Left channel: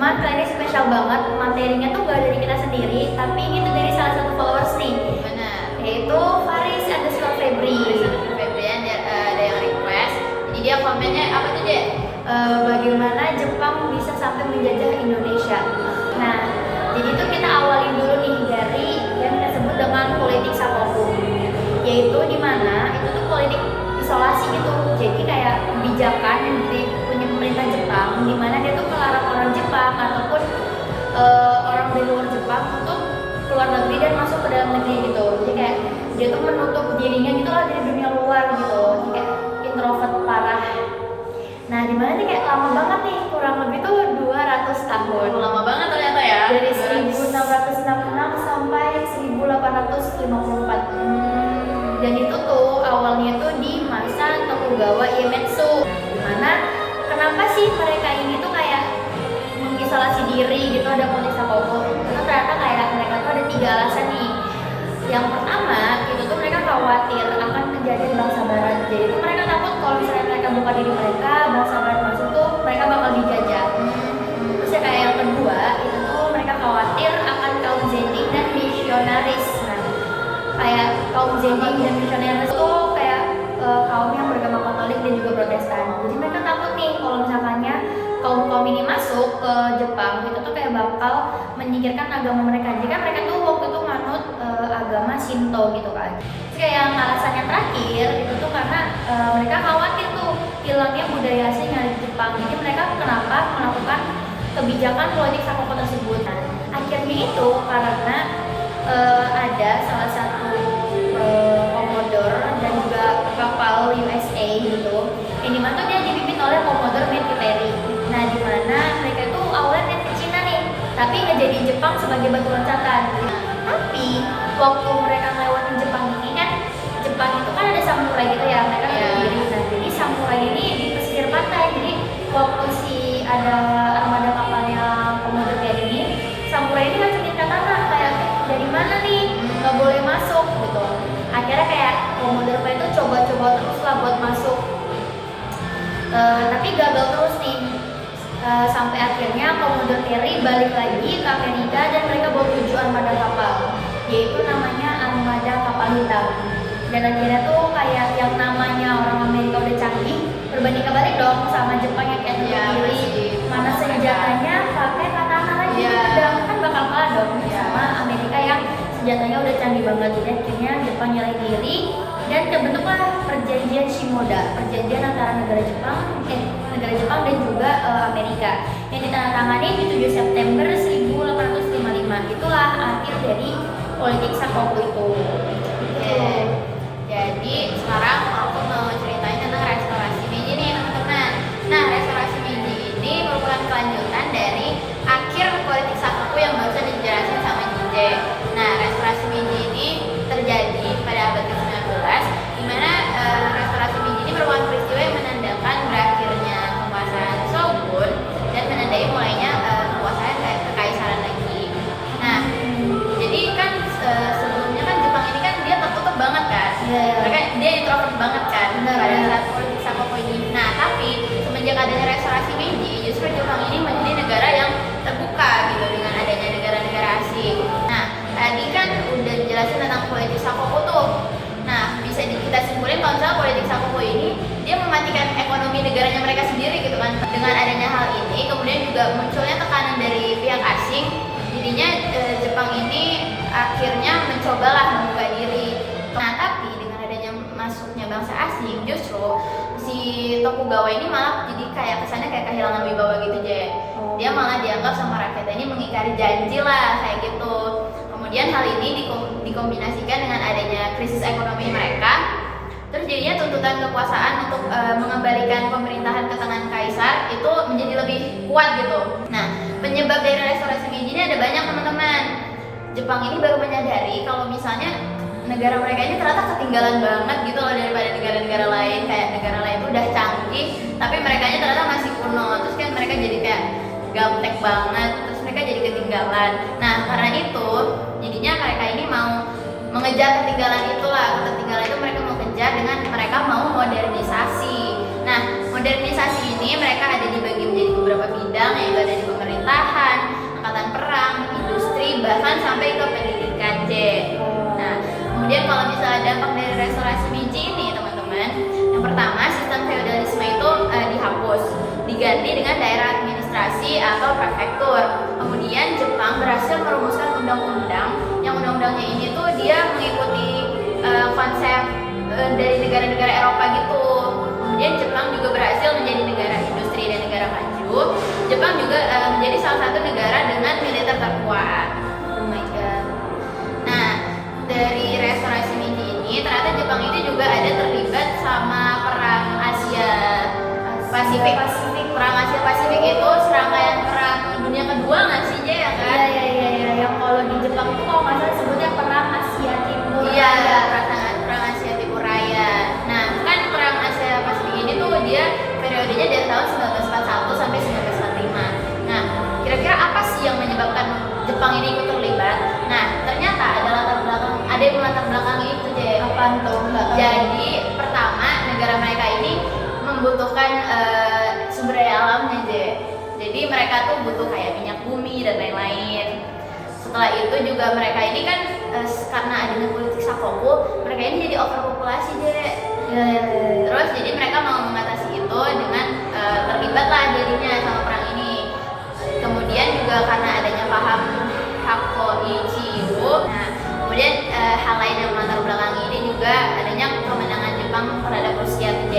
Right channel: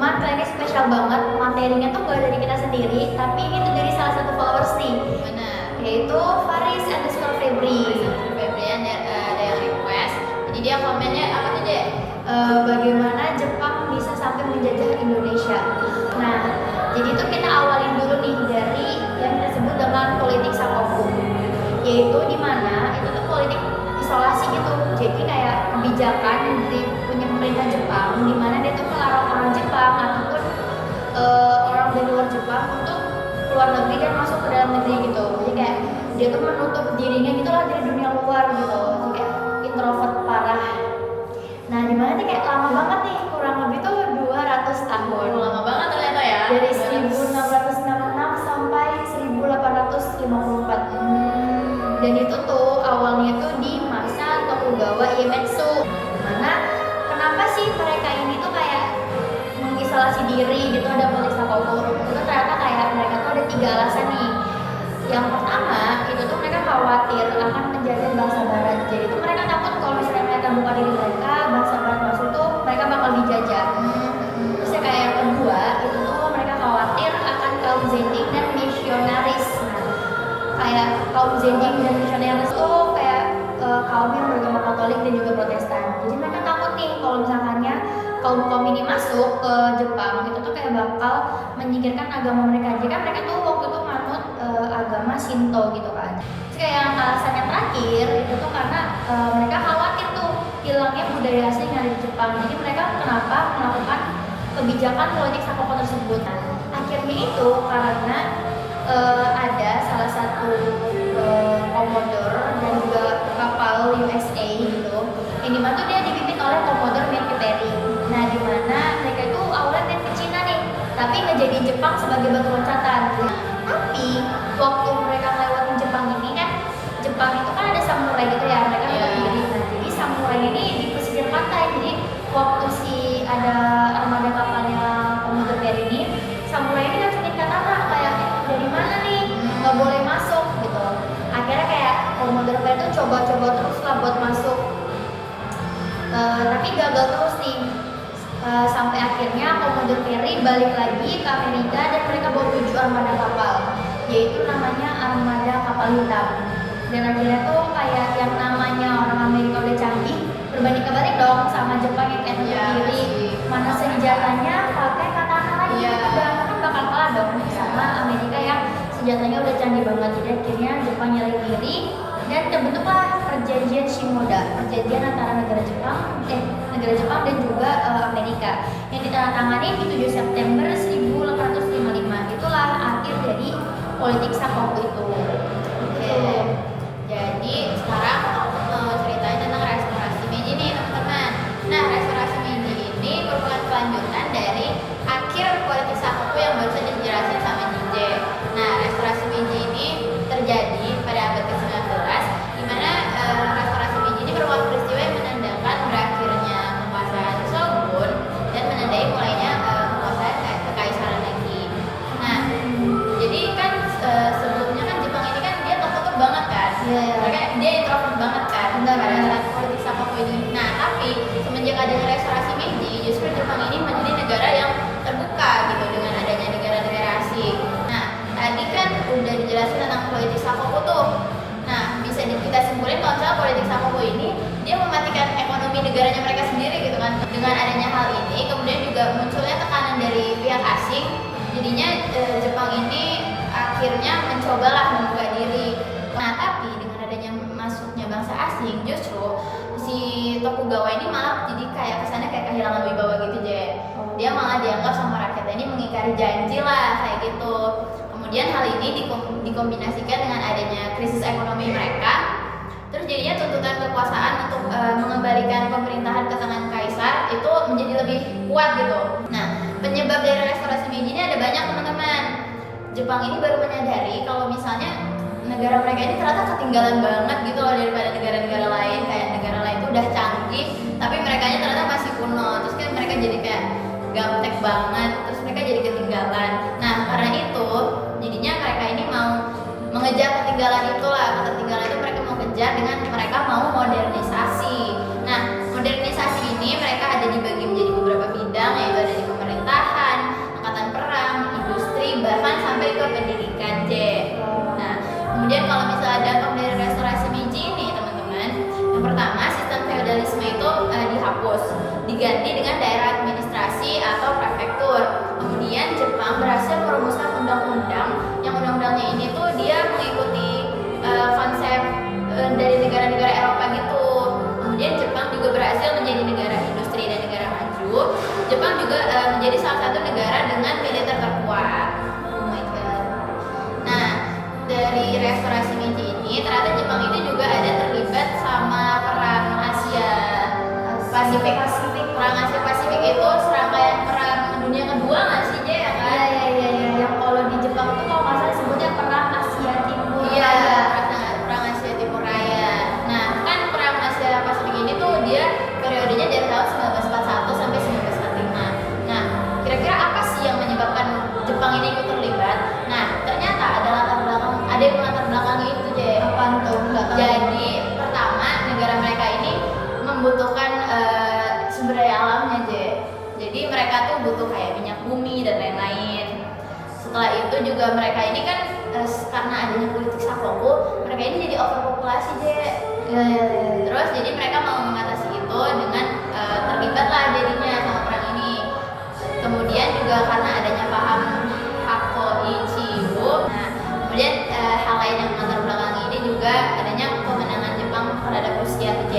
Cuman kali ini spesial banget, materinya tuh gak dari kita sendiri, tapi ini tuh dari salah satu followers nih. Benar. Yaitu Faris_Febri. Febri ada yang request. Jadi dia komennya apa tuh, Dek? Bagaimana Jepang bisa sampai menjajah Indonesia. Nah, jadi tuh kita awalin dulu nih dari yang kita sebut dengan politik sakoku, yaitu di mana itu tuh politik isolasi gitu. Jadi kayak kebijakan dari punya pemerintah Jepang di mana dia tuh melarang orang Jepang ataupun orang dari luar Jepang untuk keluar negeri dan masuk ke dalam negeri gitu. Jadi kayak dia tuh menutup dirinya gitu lah dari dunia luar gitu, kayak introvert parah. Nah, di mana nih kayak lama banget nih, kurang lebih tuh 200 tahun. Lama banget ternyata ya. Dari 1666 sampai 1854. Dan itu tuh awalnya tuh di masa Tokugawa Ieyasu. Dimana kenapa sih mereka ini tuh kayak mengisolasi diri gitu, ada politik sakoku. Itu ternyata kayak mereka tuh ada 3 alasan nih. Yang pertama, itu tuh mereka khawatir akan kejadian bangsa barat. Jadi itu mereka takut kalau misalnya mereka buka diri mereka, bangsa barat masuk tuh mereka bakal dijajah. Terus ya kayak yang kedua, itu tuh mereka khawatir akan kaum Zendik dan misionaris. Nah, kayak kaum Zendik dan misionaris tuh kayak kaum yang beragama Katolik dan juga Protestan. Jadi mereka takut nih kalau misalkannya kaum ini masuk ke Jepang, itu tuh kayak bakal menyingkirkan agama mereka. Jadi kan mereka tuh waktu itu manut agama Shinto gitu kan. Terus kayak yang alasannya terakhir itu tuh karena mereka khawatir tuh hilangnya budaya asli yang ada di Jepang. Jadi mereka kenapa melakukan kebijakan politik sakoku tersebut. Nah, akhirnya itu karena ada salah satu Commodore dan juga kapal USA gitu. Yang dimana tuh dia dipimpin oleh Commodore Mekiteri. Nah, dimana mereka itu awalnya main ke Cina nih, tapi nggak jadi Jepang sebagai batu loncatan. Tapi waktu mereka ngelewatin Jepang ini kan, Jepang itu kan ada samurai gitu ya, mereka berdiri. Nah, jadi samurai ini di pesisir pantai. Jadi waktu ada armada kapalnya Commodore ini, samurai ini langsung katana kayak dari mana nih, nggak boleh masuk gitu. Akhirnya kayak Commodore itu coba-coba terus lah buat masuk, tapi gagal terus nih. Sampai akhirnya Commodore Perry balik lagi ke Amerika dan mereka bawa 7 armada kapal, yaitu namanya armada kapal hitam. Dan akhirnya tuh kayak yang namanya orang Amerika udah canggih, berbanding kebalik dong sama Jepang yang kayak kiri, mana senjatanya pakai katana lagi, gitu kan bakal kalah dong sama Amerika yang senjatanya udah canggih banget. Jadi akhirnya Jepang nyerah diri dan terbentuklah perjanjian Shimoda, perjanjian antara negara Jepang dan juga Amerika yang ditandatangani di 7 September 1855. Itulah akhir dari politik sakoku itu. Jadi sekarang aku mau ceritain tentang restorasi Meiji nih, teman-teman. Nah, restorasi Meiji ini merupakan kelanjutan dari akhir politik sakoku yang barusan dijelasin sama Jinje. Nah, restorasi Meiji ini terjadi pada abad ke-19, di mana restorasi Meiji ini merupakan peristiwa yang menandakan berakhirnya kekuasaan Shogun dan menandai mulainya kekuasaan kekaisaran lagi. Nah, jadi kan sebelumnya kan Jepang ini kan dia tertutup banget kan, mereka dia introvert banget kan pada saat politik sakoku ini. Nah, tapi semenjak adanya restorasi Meiji, justru Jepang ini menjadi negara yang terbuka gitu dengan adanya negara-negara asing. Nah, tadi kan udah dijelasin tentang politik sakoku tuh. Nah, bisa kita simpulin kalau misalnya politik sakoku ini dia mematikan ekonomi negaranya mereka sendiri gitu kan. Dengan adanya hal ini, kemudian juga munculnya tekanan dari pihak asing, jadinya Jepang ini akhirnya mencobalah membuka diri. Nah, tapi dengan adanya masuknya bangsa asing, justru si Tokugawa ini malah jadi kayak kesannya kayak kehilangan wibawa gitu, Dia malah dianggap sama rakyatnya ini mengingkari janji lah kayak gitu. Kemudian hal ini dikombinasikan dengan adanya krisis ekonomi mereka. Terus jadinya tuntutan kekuasaan untuk mengembalikan pemerintahan ke tangan kaisar itu menjadi lebih kuat gitu. Nah, penyebab dari restorasi Meiji ini ada banyak, teman-teman. Jepang ini baru menyadari kalau misalnya negara mereka ini ternyata ketinggalan banget gitu loh daripada negara-negara lain. Kayak negara lain itu udah canggih, tapi mereka ternyata masih kuno. Terus kan mereka jadi kayak gaptek banget, terus mereka jadi ketinggalan. Nah, karena itu jadinya mereka ini mau mengejar ketinggalan itulah. Ketinggalan itu mereka mau kejar dengan mereka mau modernisasi. Nah, modernisasi ini mereka ada dibagi menjadi beberapa bidang, yaitu ada di pemerintahan pemerintahan, angkatan perang, industri, bahkan sampai ke pendidikan, J. Nah, kemudian kalau misalnya dampak dari restorasi Meiji ini, teman-teman, yang pertama sistem feodalisme itu dihapus, diganti dengan daerah administrasi atau prefektur. Kemudian Jepang berhasil merumuskan undang-undang, yang undang-undangnya ini tuh dia mengikuti konsep dari negara-negara Eropa gitu. Kemudian Jepang juga berhasil menjadi negara industri dan negara maju. Jepang juga menjadi salah satu negara dengan militer terkuat. Oh my god. Nah, dari restorasi Meiji ini ternyata Jepang itu juga ada terlibat sama perang Asia Pasifik. Perang Asia Pasifik itu serangkaian perang dunia kedua nggak sih, Jay, ya kan? Iya. Yang kalau di Jepang itu kalau nggak salah sebutnya perang Asia Timur. Iya, perang Asia Timur Raya. Nah, kan perang Asia Pasifik ini tuh dia periodenya dari tahun 1941 sampai 1945. Nah, kira-kira apa sih yang menyebabkan Jepang ini ikut terlibat? Nah, ternyata ada yang latar belakang itu, Jay. Apaan tuh? Jadi pertama, negara mereka ini membutuhkan sumber daya alamnya, J. Jadi mereka tuh butuh kayak minyak bumi dan lain-lain. Setelah itu juga mereka ini kan karena adanya politik sakoku, mereka ini jadi overpopulasi, J. Iya. Terus jadi mereka mau mengatasi itu dengan terlibatlah jadinya sama perang ini. Kemudian juga karena adanya paham Hako Ichigo. Nah, kemudian hal lain yang melatar belakang ini juga adanya kemenangan Jepang terhadap Rusia, J.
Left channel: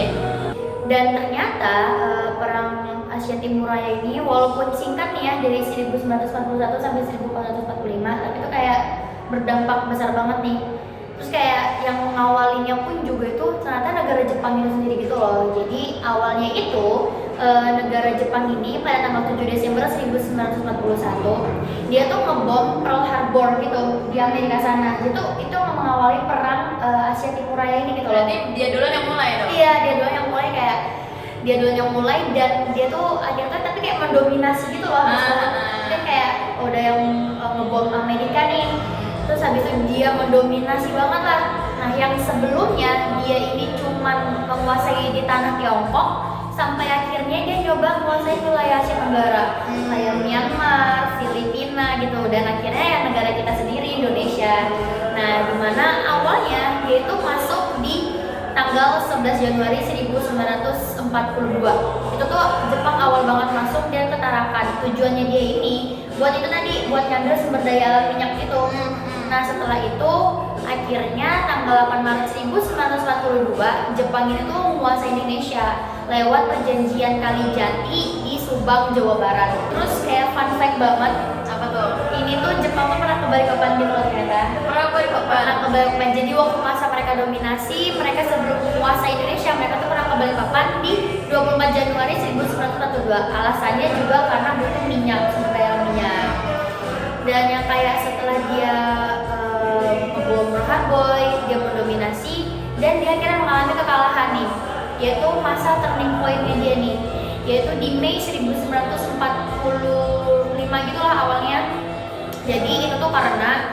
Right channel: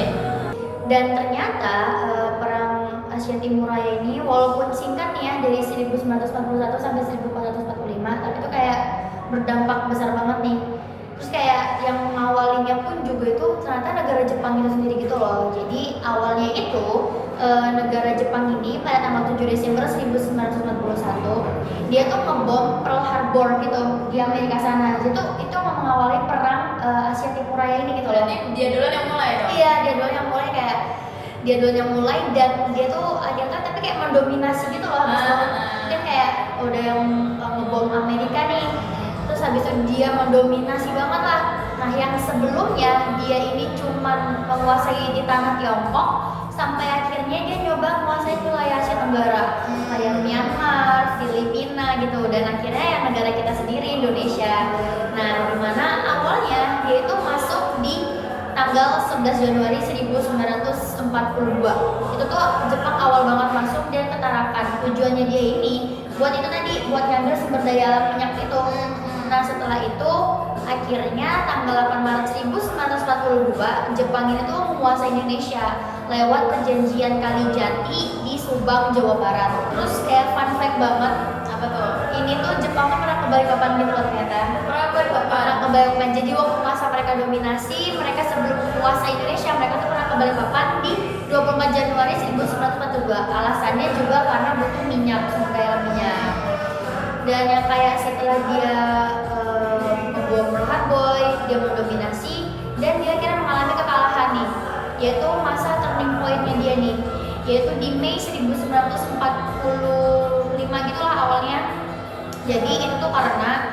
Dan ternyata perang Asia Timur Raya ini walaupun singkat nih ya dari 1941 sampai 1445, tapi itu kayak berdampak besar banget nih. Terus kayak yang mengawalinya pun juga itu ternyata negara Jepang itu sendiri gitu loh. Jadi awalnya itu negara Jepang ini pada tanggal 7 Desember 1961 dia tuh ngebom Pearl Harbor gitu di Amerika sana. Itu mengawali perang Asia Timur Raya ini gitu loh. Berarti dia duluan yang mulai dong? Iya, dia duluan yang mulai dan dia tuh akhirnya tapi kayak mendominasi gitu loh. Dia kayak udah yang ngebom Amerika nih. Terus habis itu dia mendominasi banget lah. Nah, yang sebelumnya dia ini cuman menguasai di tanah Tiongkok sampai akhirnya dia nyoba menguasai wilayah Asia Tenggara kayak Myanmar, Filipina gitu, dan akhirnya ya negara kita sendiri Indonesia. Nah, dimana awalnya dia itu masuk di tanggal 11 Januari 1942. Itu tuh Jepang awal banget masuk dan ke Tarakan. Tujuannya dia ini buat itu tadi, buat ngambil sumber daya alam minyak itu. Nah, setelah itu akhirnya tanggal 8 Maret 1942 Jepang ini tuh menguasai Indonesia lewat perjanjian Kalijati di Subang, Jawa Barat. Terus kayak fun fact banget, Apa tuh? ini tuh Jepang pernah ke Balikpapan ternyata. Pernah ke Balikpapan. Jadi waktu masa mereka dominasi, mereka sebelum menguasai Indonesia, mereka tuh pernah ke Balikpapan di 24 Januari 1942. Alasannya juga karena butuh minyak, sumber daya minyak. Dan yang kayak setelah dia ngebom Pearl Harbor, dia mendominasi dan dia akhirnya mengalami kekalahan nih, yaitu masa turning point-nya dia nih, yaitu di Mei 1945 gitulah awalnya. Jadi itu tuh karena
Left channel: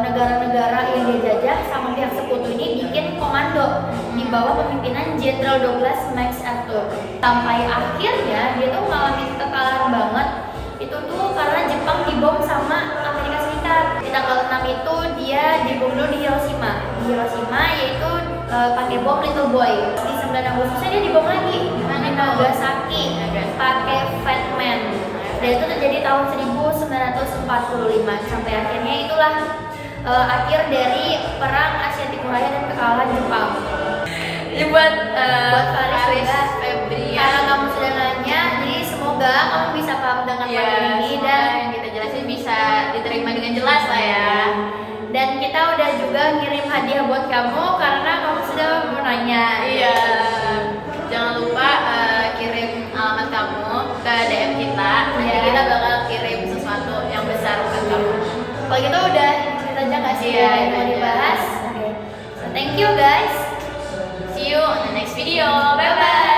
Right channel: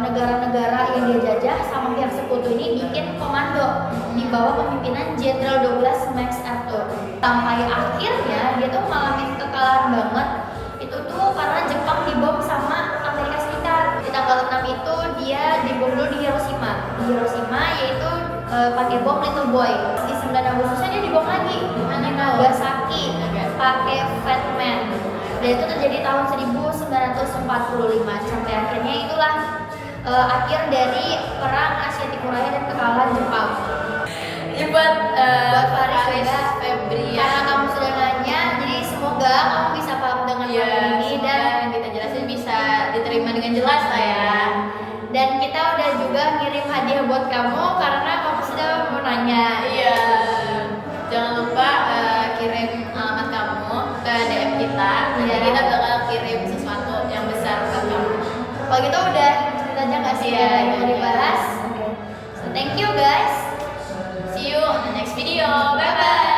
negara-negara yang dia jajah sama pihak sekutu ini bikin komando di bawah pemimpinan Jenderal Douglas MacArthur. Sampai akhirnya dia tuh mengalami kekalahan banget. Itu tuh karena Jepang dibom sama Amerika Serikat. Di tanggal 6 itu dia dibom dulu di Hiroshima. Di Hiroshima yaitu pakai bom Little Boy. Di 9 Agustusnya dia dibom lagi di Nagasaki pakai Fat Man. Dan itu terjadi tahun 1945 sampai akhirnya itulah akhir dari perang Asia Timur Raya dan kekalahan Jepang. Ini buat Faris juga. Febrian. Karena kamu sudah nanya, jadi semoga kamu bisa paham dengan materi ini dan yang kita jelasin bisa diterima dengan jelas lah ya. Dan kita udah juga ngirim hadiah buat kamu karena kamu sudah mau nanya. Iya. Jangan lupa kirim alamat kamu ke DM kita. Nanti Iya. kita bakal kirim sesuatu yang besar buat kamu. Kalau gitu udah cerita aja nggak sih Iya, yang mau udah. dibahas? So thank you guys. See you on the next video. Bye bye.